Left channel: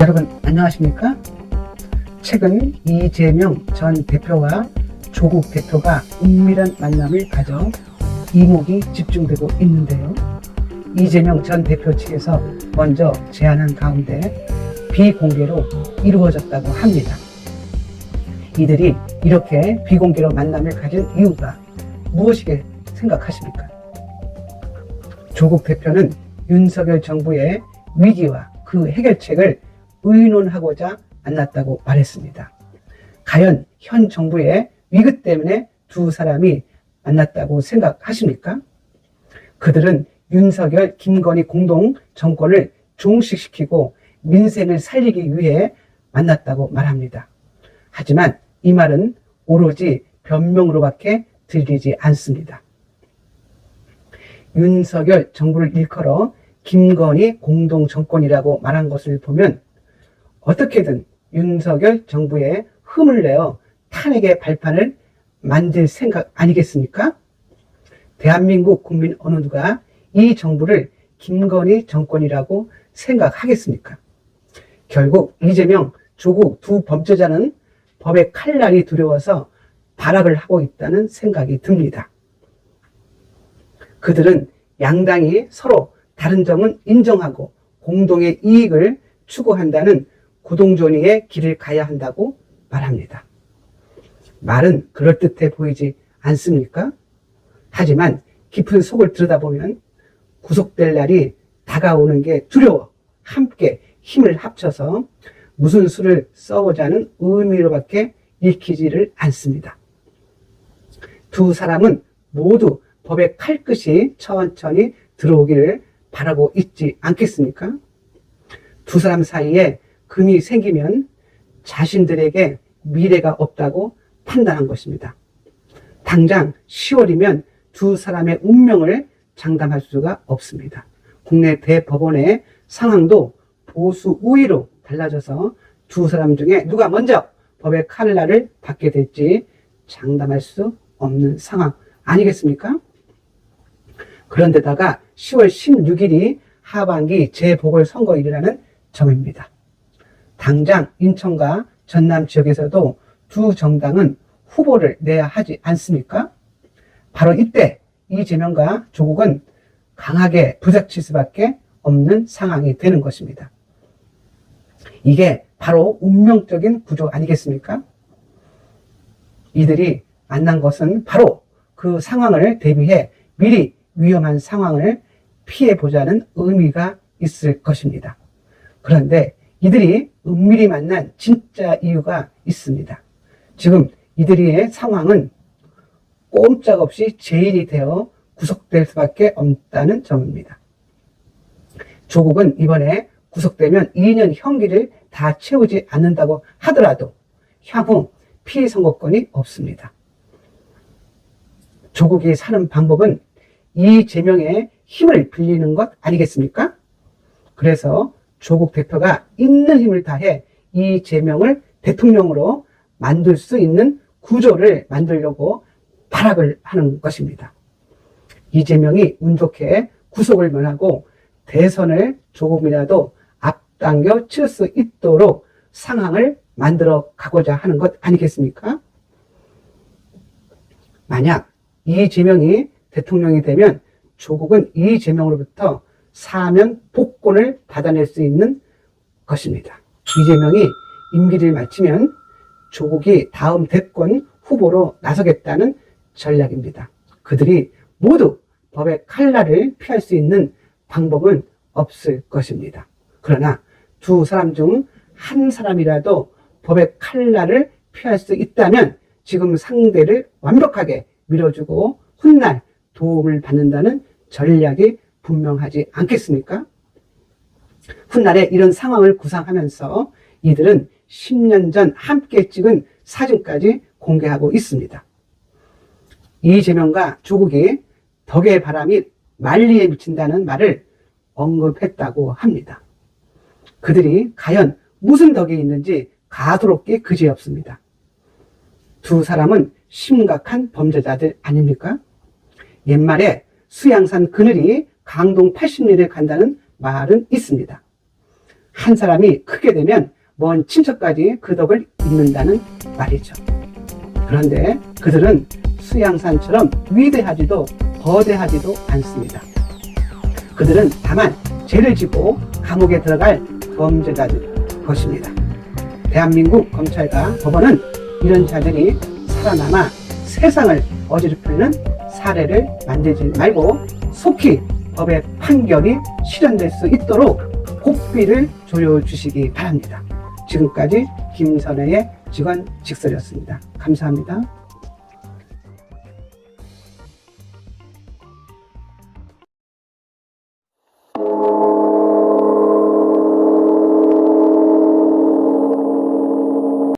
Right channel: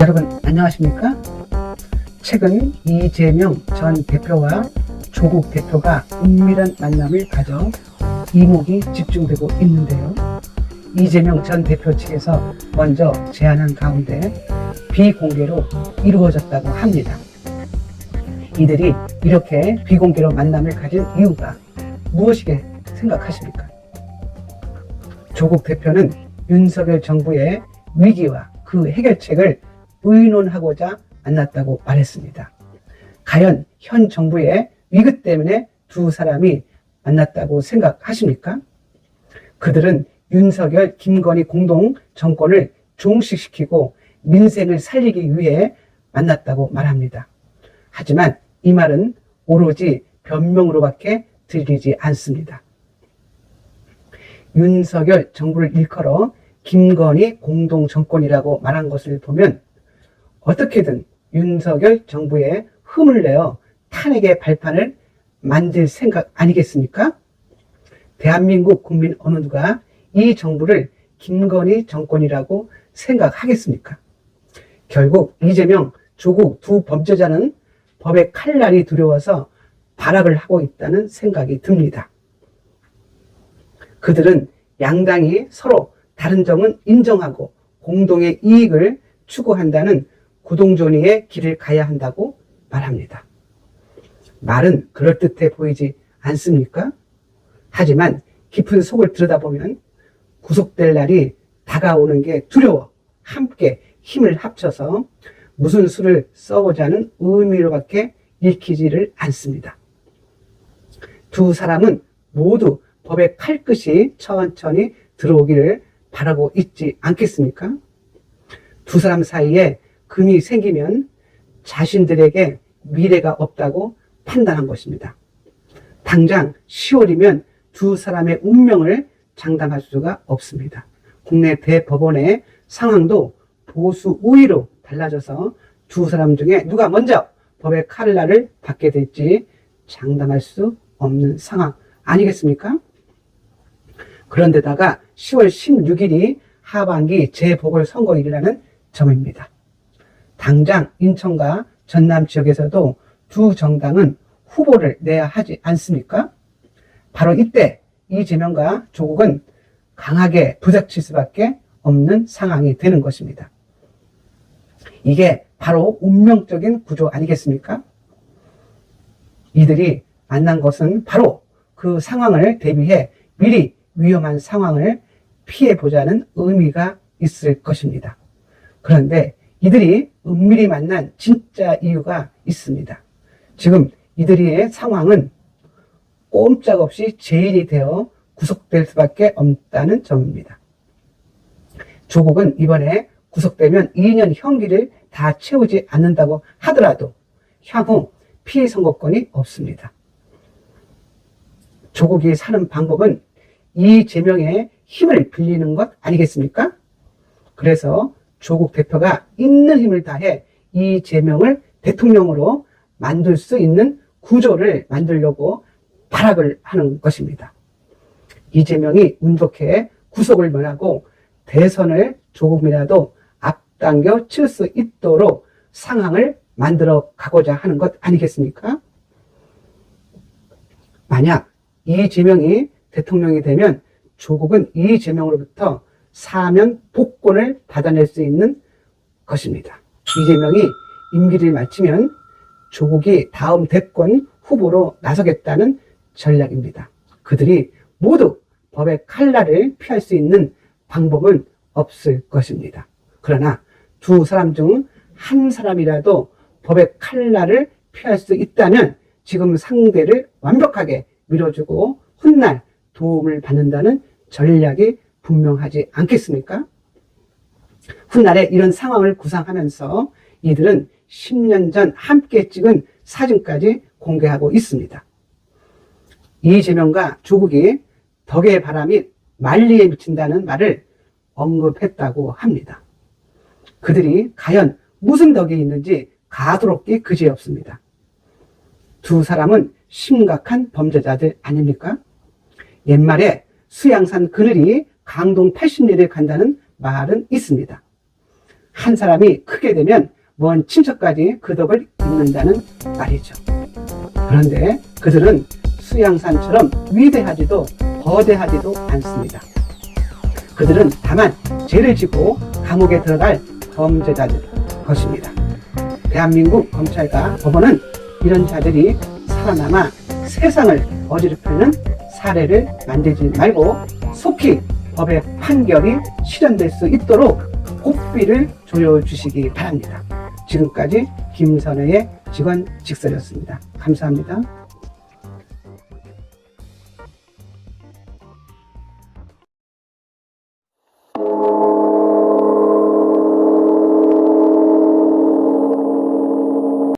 여러분 안녕하십니까? 최근 이재명 전 대표와 조국 대표가 은밀한 만남을 가져 이목이 집중되고 있는데요. 이재명 전 대표 측에서 먼저 제안한 가운데 비공개로 이루어졌다고 합니다. 이들이 이렇게 비공개로 만남을 가진 이유가 무엇이게 생각하십니까? 조국 대표는 윤석열 정부의 위기와 그 해결책을 의논하고자 만났다고 말했습니다. 과연 현 정부의 위기 때문에 두 사람이 만났다고 생각하십니까? 그들은 윤석열, 김건희 공동 정권을 종식시키고 민생을 살리기 위해 만났다고 말합니다. 하지만 이 말은 오로지 변명으로밖에 들리지 않습니다. 윤석열 정부를 일컬어 김건희 공동 정권이라고 말한 것을 보면 어떻게든 윤석열 정부에 흠을 내어 탄핵의 발판을 만들 생각 아니겠습니까? 대한민국 국민 어느 누가 이 정부를 김건희 정권이라고 생각하겠습니까? 결국 이재명, 조국 두 범죄자는 법의 칼날이 두려워서 발악을 하고 있다는 생각이 듭니다. 그들은 양당이 서로 다른 점은 인정하고 공동의 이익을 추구한다는 구동존의의 길을 가야 한다고 말합니다. 말은 그럴듯해 보이지 않습니까? 하지만 깊은 속을 들여다보면 구속될 날이 다가오는 게 두려워 함께 힘을 합쳐서 무슨 수를 써보자는 의미로밖에 읽히지를 않습니다. 두 사람은 모두 법의 칼끝이 천천히 들어오기를 바라고 있지 않겠습니까? 두 사람 사이에 금이 생기면 자신들에게 미래가 없다고 판단한 것입니다. 당장 10월이면 두 사람의 운명을 장담할 수가 없습니다. 국내 대법원의 상황도 보수 우위로 달라져서 두 사람 중에 누가 먼저 법의 칼날을 받게 될지 장담할 수 없는 상황 아니겠습니까? 그런데다가 10월 16일이 하반기 재보궐선거일이라는 점입니다. 당장 인천과 전남 지역에서도 두 정당은 후보를 내야 하지 않습니까? 바로 이때 이재명과 조국은 강하게 부닥칠 수밖에 없는 상황이 되는 것입니다. 이게 바로 운명적인 구조 아니겠습니까? 이들이 만난 것은 바로 그 상황을 대비해 미리 위험한 상황을 피해보자는 의미가 있을 것입니다. 그런데 이들이 은밀히 만난 진짜 이유가 있습니다. 지금 이들의 상황은 꼼짝없이 제일이 되어 구속될 수밖에 없다는 점입니다. 조국은 이번에 구속되면 2년 형기를 다 채우지 않는다고 하더라도 향후 피해 선고권이 없습니다. 조국이 사는 방법은 이재명의 힘을 빌리는 것 아니겠습니까? 그래서 조국 대표가 있는 힘을 다해 이재명을 대통령으로 만들 수 있는 구조를 만들려고 발악을 하는 것입니다. 이재명이 운 좋게 구속을 면하고 대선을 조금이라도 앞당겨 칠 수 있도록 상황을 만들어 가고자 하는 것 아니겠습니까? 만약 이재명이 대통령이 되면 조국은 이재명으로부터 사면 복권을 받아낼 수 있는 것입니다. 이재명이 임기를 마치면 조국이 다음 대권 후보로 나서겠다는 전략입니다. 그들이 모두 법의 칼날을 피할 수 있는 방법은 없을 것입니다. 그러나 두 사람 중 한 사람이라도 법의 칼날을 피할 수 있다면 지금 상대를 완벽하게 밀어주고 훗날 도움을 받는다는 전략이 분명하지 않겠습니까? 훗날에 이런 상황을 구상하면서 이들은 10년 전 함께 찍은 사진까지 공개하고 있습니다. 이재명과 조국이 덕의 바람이 만리에 미친다는 말을 언급했다고 합니다. 그들이 과연 무슨 덕이 있는지 가소롭게 그지없습니다. 두 사람은 심각한 범죄자들 아닙니까? 옛말에 수양산 그늘이 강동 80리를 간다는 말은 있습니다. 한 사람이 크게 되면 먼 친척까지 그 덕을 잇는다는 말이죠. 그런데 그들은 수양산처럼 위대하지도 거대하지도 않습니다. 그들은 다만 죄를 지고 감옥에 들어갈 범죄자들 것입니다. 대한민국 검찰과 법원은 이런 자들이 살아남아 세상을 어지럽히는 사례를 만들지 말고 속히 법의 판결이 실현될 수 있도록 복비를 조여주시기 바랍니다. 지금까지 김선혜의 직원직설이었습니다. 감사합니다.